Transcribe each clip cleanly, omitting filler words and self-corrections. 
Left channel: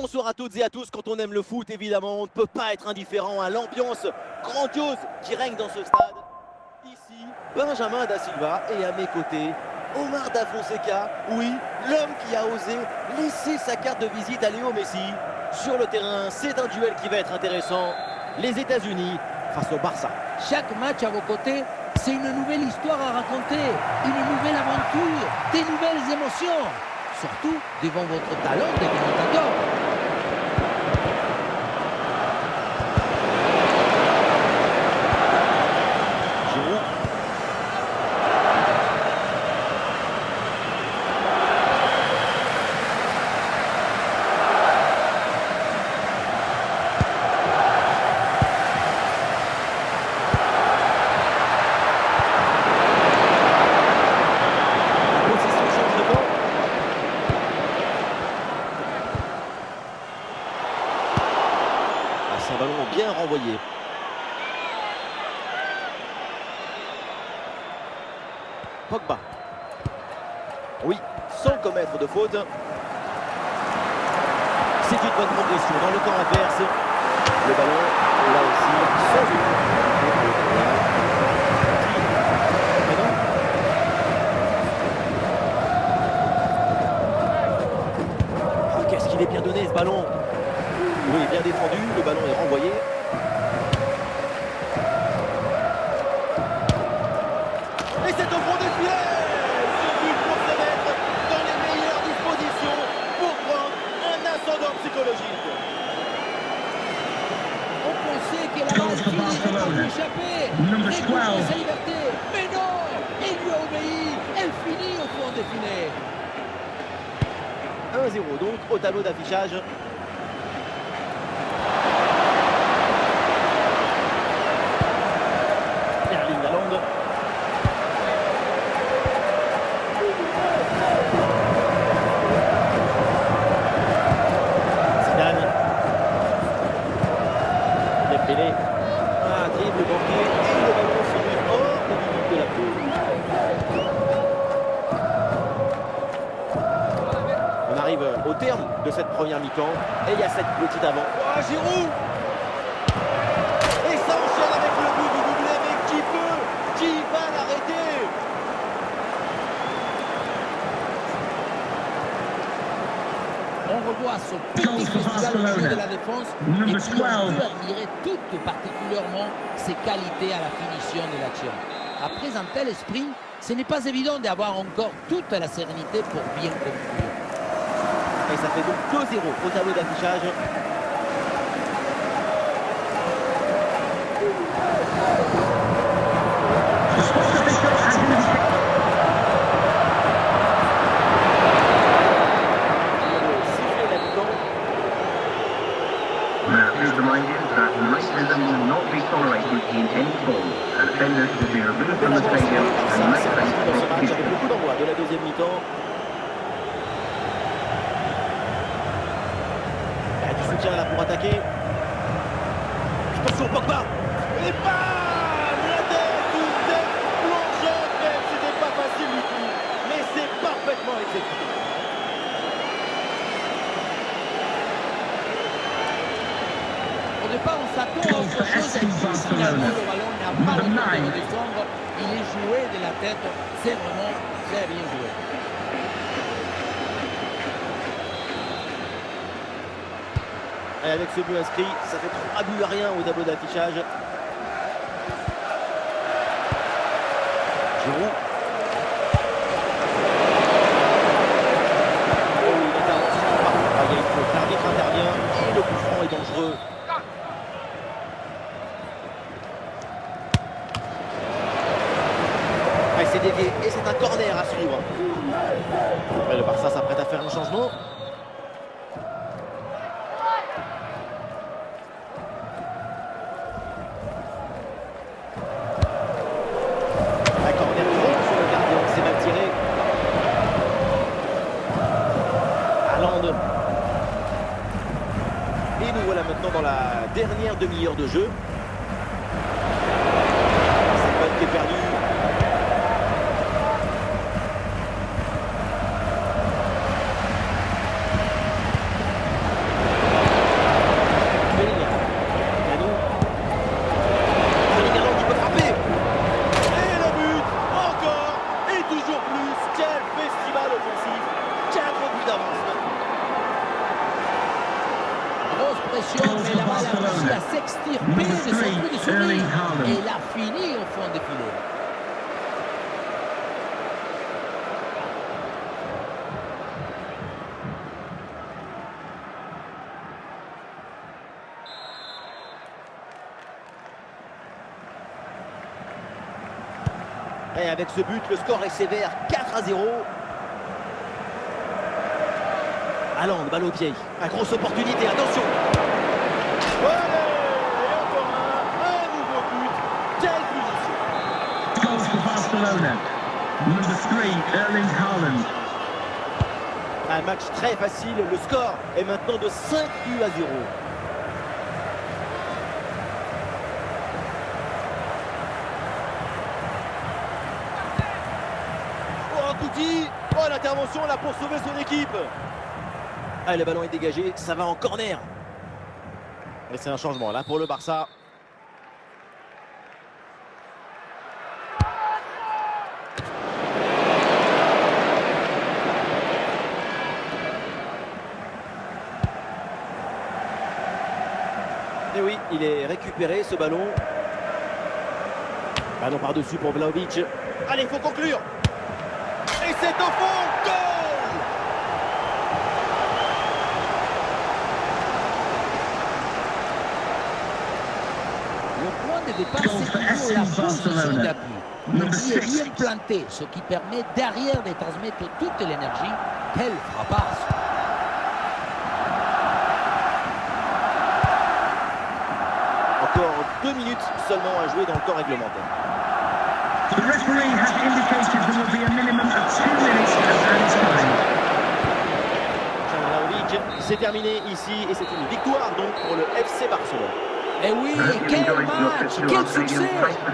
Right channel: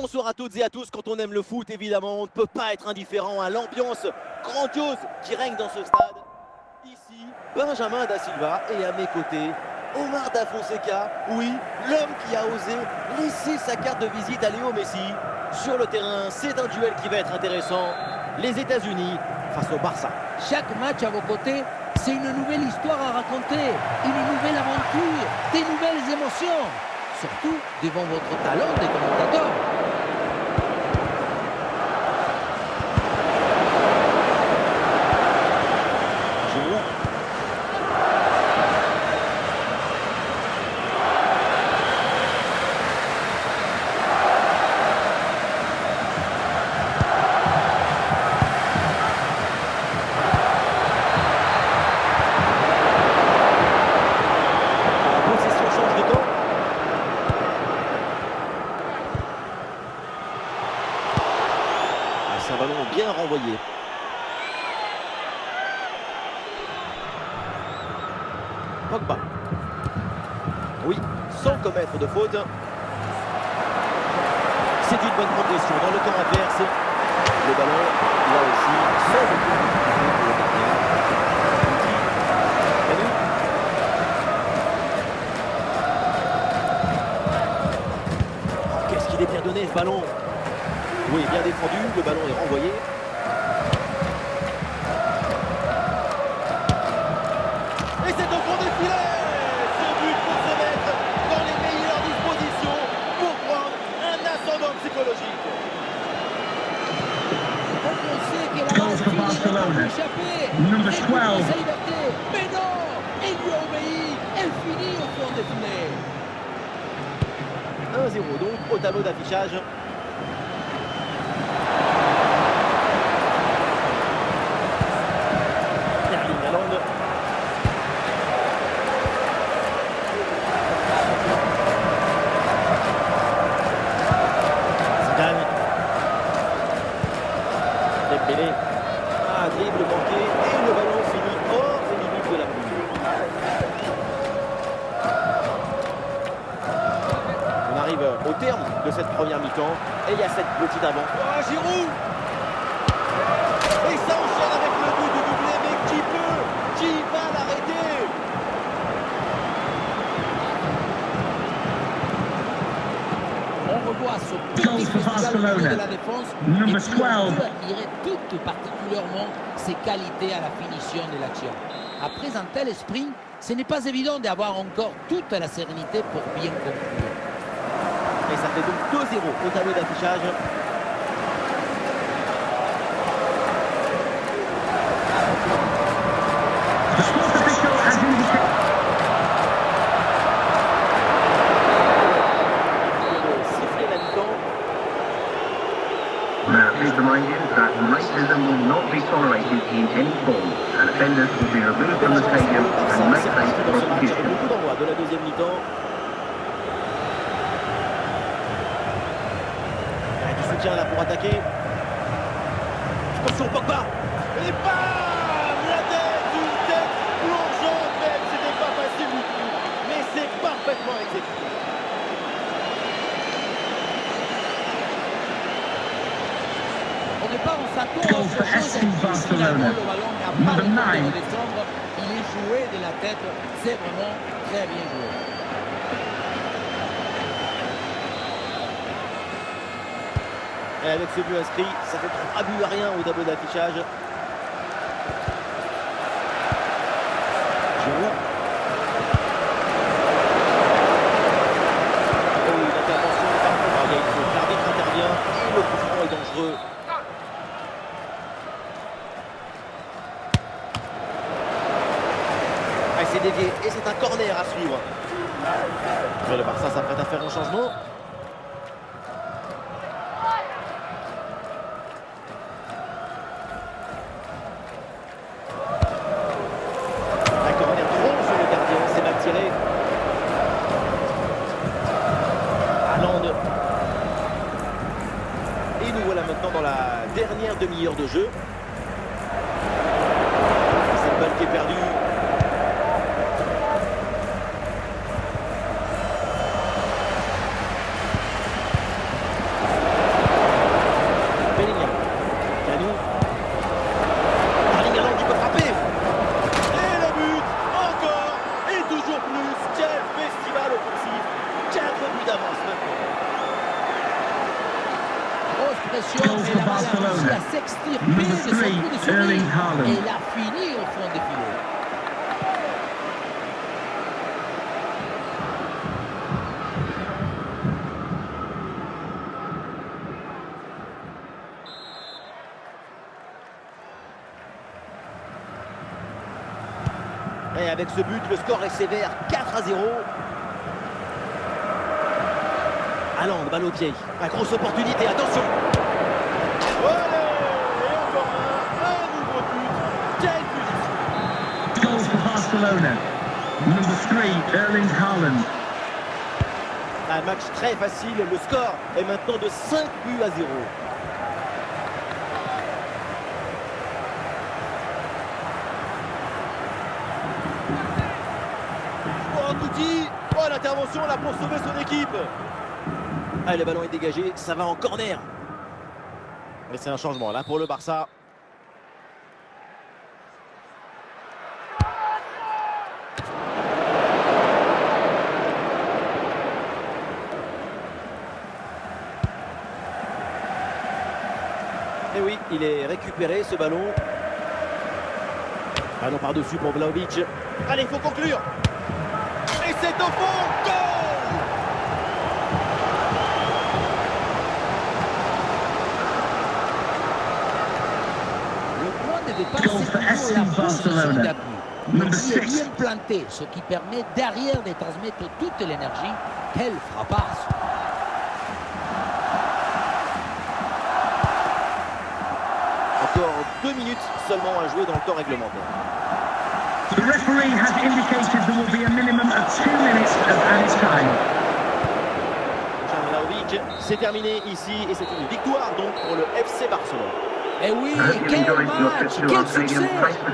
Bonsoir à toutes et à tous. Quand on aime le foot, évidemment, on ne peut pas être indifférent à l'ambiance grandiose qui règne dans ce stade. Ici, Benjamin Da Silva et à mes côtés, Omar Da Fonseca. Oui, l'homme qui a osé laisser sa carte de visite à Léo Messi. Sur le terrain, c'est un duel qui va être intéressant. Les États-Unis face au Barça. Chaque match à vos côtés, c'est une nouvelle histoire à raconter, une nouvelle aventure, des nouvelles émotions. Surtout devant votre talent de commentateur. Giroud. La possession change de camp. Ah, c'est un ballon bien renvoyé. Pogba. Oui, sans commettre de faute. C'est une bonne progression dans le camp adverse. Le ballon, là aussi, sans aucune difficulté pour le gardien. Oh, qu'est-ce qu'il est bien donné ce ballon. Oui, bien défendu, le ballon est renvoyé. Et c'est au fond des filets. Ce but pour se mettre dans les meilleures dispositions pour prendre un ascendant psychologique. On pensait que la balle finirait par lui échapper. Récupérer sa liberté. Mais non, elle lui a obéi. Elle finit au fond des filets. 1-0 donc au tableau d'affichage. Erling Haaland. Zidane. Dembélé. Ah, dribble manqué et le ballon finit hors des limites de la pelouse. On arrive au terme de cette première mi-temps et il y a cette petite avant. Oh, Giroud! Et ça enchaîne avec le but du doublé, mais qui peut? Qui va l'arrêter? On revoit ce petit festival au milieu de la défense. Et puis on peut admirer tout particulièrement ses qualités à la finition de l'action. Après un tel sprint, ce n'est pas évident d'avoir encore toute la sérénité pour bien conclure. Et ça fait donc 2-0 au tableau d'affichage. Siffler la mi-temps. Please remind you that racism will not be tolerated in any form, and offenders will be removed from the stadium and may C'est face parti dans ce match avec prosecution. beaucoup d'envoi de la deuxième mi-temps. Il y a du soutien là pour attaquer. Attention Pogba. Et bam! La tête, une tête plongeante même. C'était pas facile du tout. Mais c'est parfaitement exécuté. Au départ, on s'attend à autre chose. Et puis, finalement, le ballon n'a pas le temps de redescendre. Il est joué de la tête. C'est vraiment très bien joué. Et avec ce but inscrit, ça fait 3 buts à rien au tableau d'affichage. Giroud. Oh, une intervention parfaite. Ah, il y a une faute. L'arbitre intervient et le coup franc est dangereux. Ah, il s'est dévié et c'est un corner à suivre. Et le Barça s'apprête à faire un changement. Un corner trop sur le gardien, c'est mal tiré. Haaland. Et nous voilà maintenant dans la dernière demi-heure de jeu. Cette balle qui est perdue. Bellingham. Canou. Erling Haaland qui peut frapper. Et le but, encore, et toujours plus. Quel festival offensif. 4 buts d'avance maintenant. Grosse pression, mais la balle a réussi à s'extirper de son coup de souris. Et il a fini au fond des filets. Et avec ce but, le score est sévère, 4-0. Haaland, balle au pied. Une grosse opportunité, attention. Allez, et encore un nouveau but. Quelle punition. Goals for Barcelona. Number 3, Erling Haaland. Un match très facile, le score est maintenant de 5 buts à 0. Oh, l'intervention là pour sauver son équipe. Allez, le ballon est dégagé, ça va en corner. Et c'est un changement là pour le Barça. Et oui, il est récupéré ce ballon. Ballon par-dessus pour Vlahovic. Allez, il faut conclure. Et c'est au fond, goal! Le point de départ, c'est toujours la position d'appui. Ici est bien planté, ce qui permet derrière de transmettre toute l'énergie. Quelle frappasse! Encore 2 minutes seulement à jouer dans le temps réglementaire. The referee has indicated there will be a minimum of 2 minutes of added time. Vlahovic, c'est terminé ici et c'est une victoire donc pour le FC Barcelone. Et oui, quel match, quel succès!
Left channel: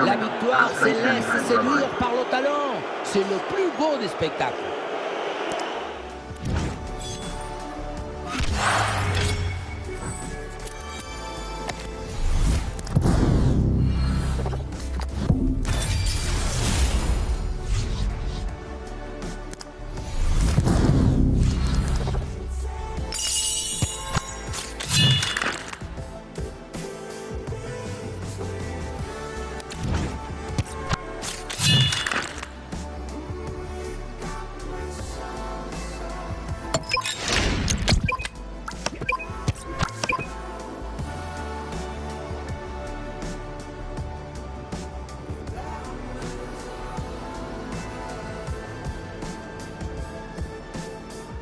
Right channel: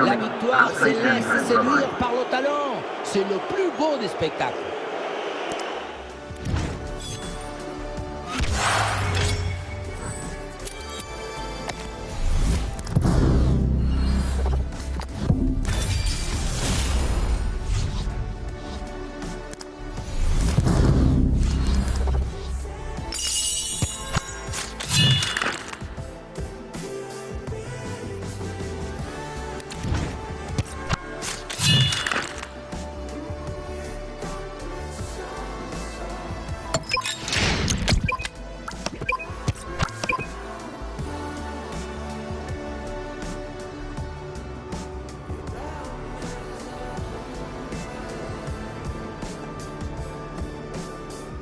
La victoire se laisse séduire par le talent. C'est le plus beau des spectacles.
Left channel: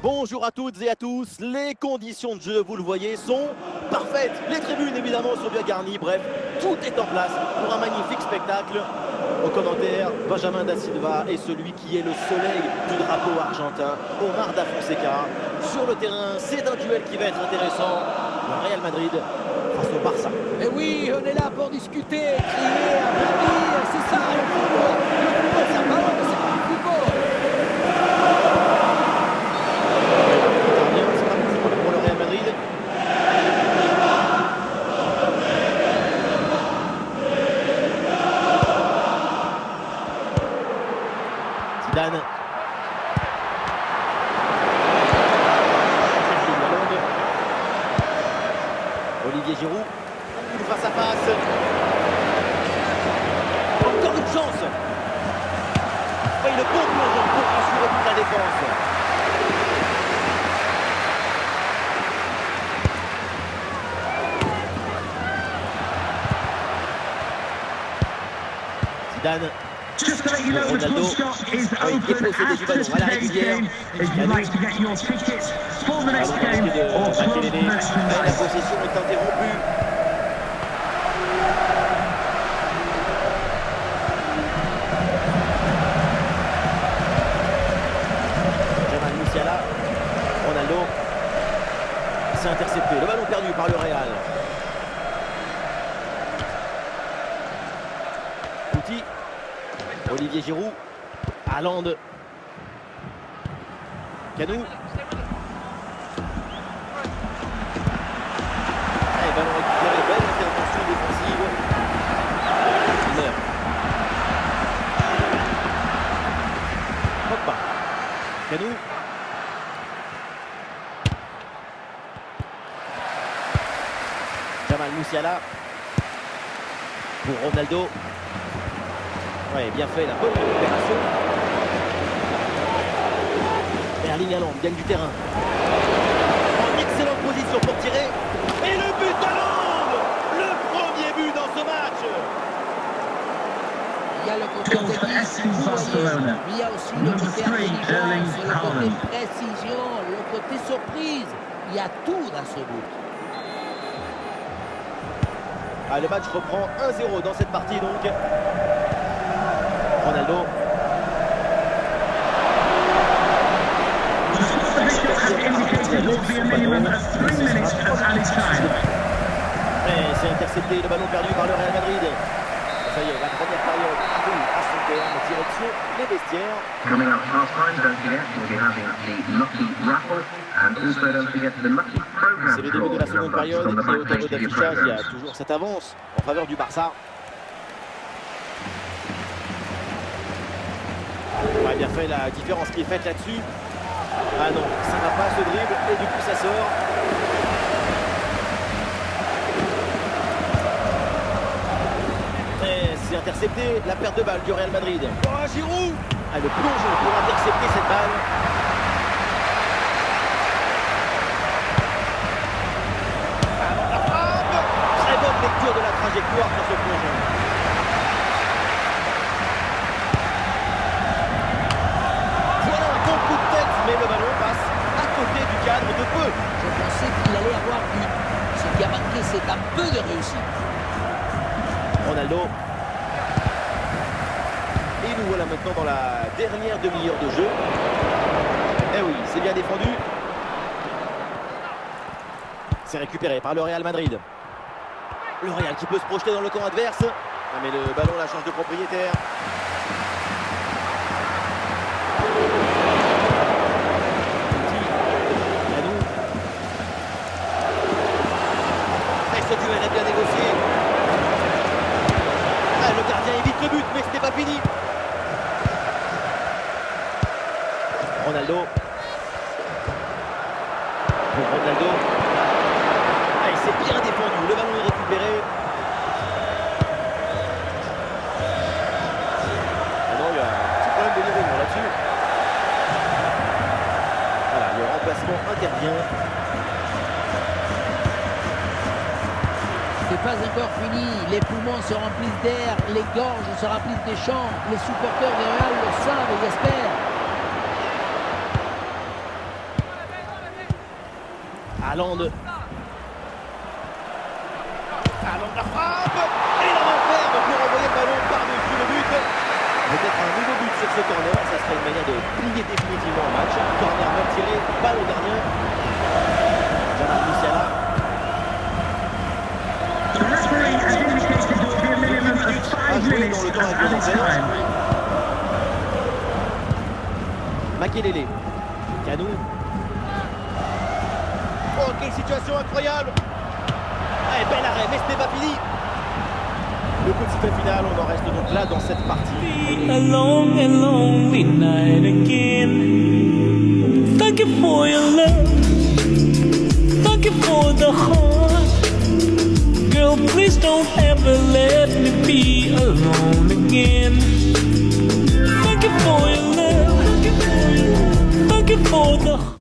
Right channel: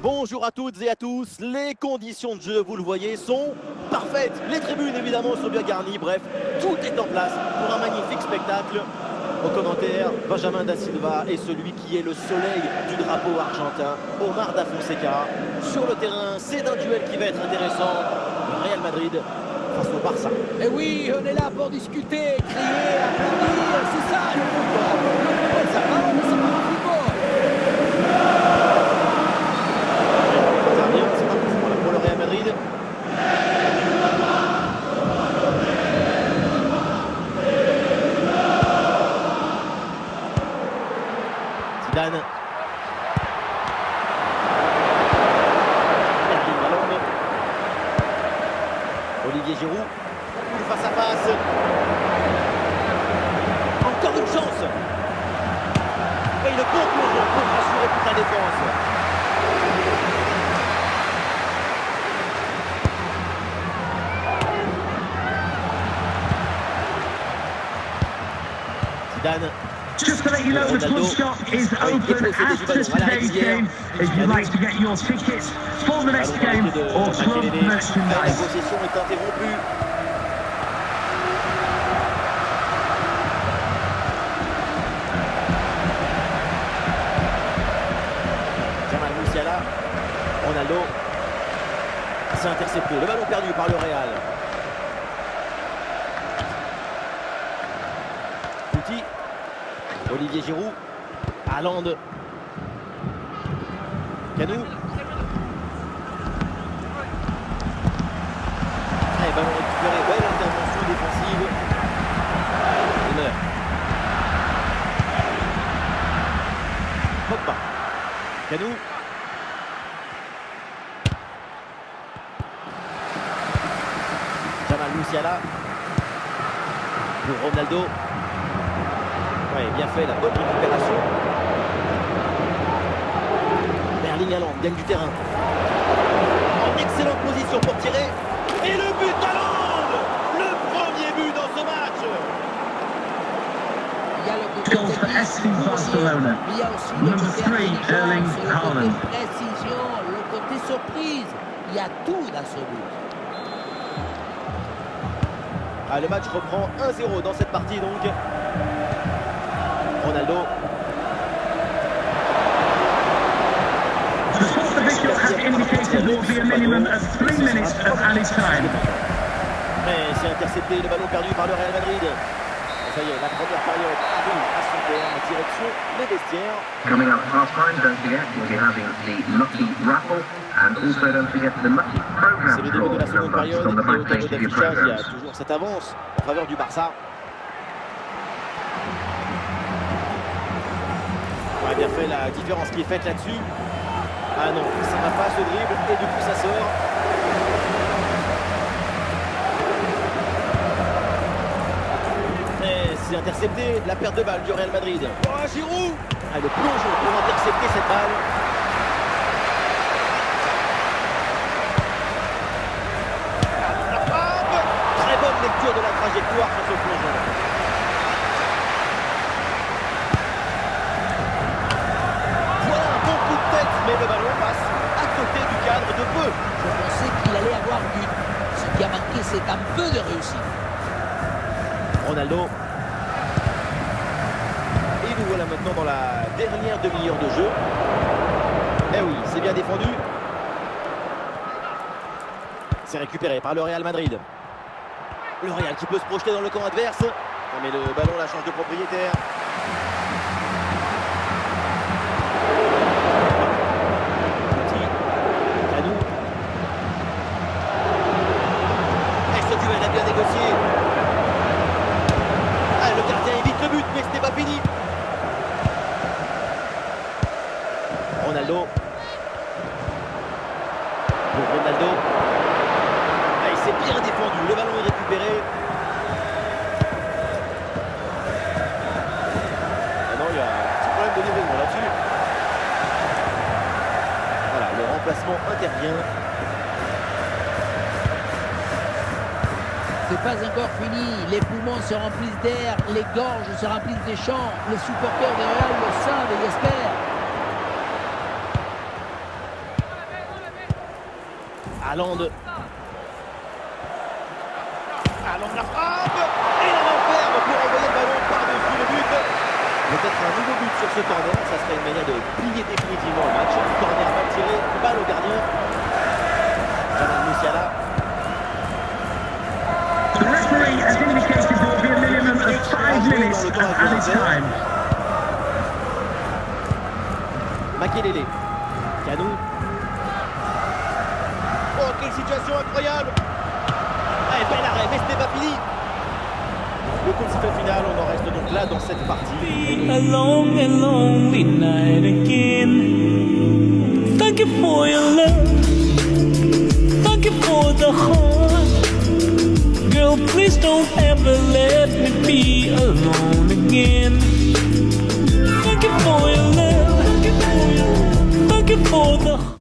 Bonjour à toutes et à tous, les conditions de jeu, vous le voyez, sont parfaites. Les tribunes évidemment sont bien garnies, bref, tout est en place pour un magnifique spectacle. Au commentaire, Benjamin da Silva est celui qui est le soleil du drapeau argentin, Omar da Fonseca. Sur le terrain, c'est un duel qui va être intéressant. Le Real Madrid face au Barça. Et oui, on est là pour discuter, crier, applaudir, c'est ça le football. Le football, ça parle, mais c'est pas le football. C'est pas pour là pour le Real Madrid. Zidane. Erling Haaland. Olivier Giroud. Coup de face à face. Encore une chance. Oui, le bon plongeon pour rassurer toute la défense. Zidane. Just to let you know, the club shop is open after today's game. If you'd like to get your tickets for the next game or club La merchandise. possession est interrompue. Jamal Musiala. Ronaldo. C'est intercepté. Le ballon perdu par le Real. Couti. Olivier Giroud. Haaland. Canou. Et Allez, ballon récupéré, belle intervention défensive. Il meurt. Pogba. Canou. Jamal Musiala. Pour Ronaldo. Ouais, bien fait, la bonne récupération. Erling Haaland gagne du terrain. En excellente position pour tirer. Et le but d'Haaland! Le premier but dans ce match! Il y a le côté technique, vous voyez, mais il y a aussi le côté intelligence, le côté précision, le côté surprise. Il y a tout dans ce but. Ah, le match reprend 1-0 dans cette partie donc. Ronaldo. The sport official has indicated there will be a minimum of 3 minutes of added time. Mais c'est intercepté, le ballon perdu par le Real Madrid. Ça y est, la première période arrive à son terme, direction les vestiaires. Coming up half time, don't forget, we'll be having the Lucky Raffle and also don't forget the Lucky Program. C'est le début de la seconde période et au tableau d'affichage, il y a toujours cette avance en faveur du Barça. Ouais, bien fait, la différence qui est faite là-dessus. Ah non, ça va pas ce dribble et du coup ça sort. Et c'est intercepté, la perte de balle du Real Madrid. Oh, Giroud! Ah, le plongeon pour intercepter cette balle. Alors la frappe! Très bonne lecture de la trajectoire sur ce plongeon. Voilà un bon coup de tête, mais le ballon passe à côté du cadre de peu. Je pensais qu'il allait avoir but. Ce qui a manqué, c'est un peu de réussite. Ronaldo. Et nous voilà maintenant dans la dernière demi-heure de jeu. Eh oui, c'est bien défendu. C'est récupéré par le Real Madrid. Le Real qui peut se projeter dans le camp adverse. Ah, mais le ballon la change de propriétaire. Canou. Et ce duel a bien négocié. Ah, le gardien évite le but, mais ce n'est pas fini. Ronaldo. Pour Ronaldo. Ah, il s'est bien défendu. Le ballon est récupéré. Ah non, il y a un petit problème de livraison là-dessus. Voilà, le remplacement intervient. C'est pas encore fini, les poumons se remplissent d'air, les gorges se remplissent des chants, les supporters du Real le savent et espèrent. Haaland. Haaland la frappe. Et la main ferme pour envoyer le ballon par-dessus le but. Peut-être un nouveau but sur ce corner, ça serait une manière de plier définitivement le match. Corner mal tiré, balle au gardien. Jamal Musiala. The referee has indicated there will be a minimum of 5 minutes of added time. Makelele. Canou. Oh, quelle situation incroyable! Allez, bel arrêt, mais ce n'est pas fini. Le coup de sifflet final, on en reste donc là dans cette partie. A long and lonely night again. Thank you for your love. Thank you for the heart. Girl, please don't ever let me be alone again. Thank you for your love. Thank you for the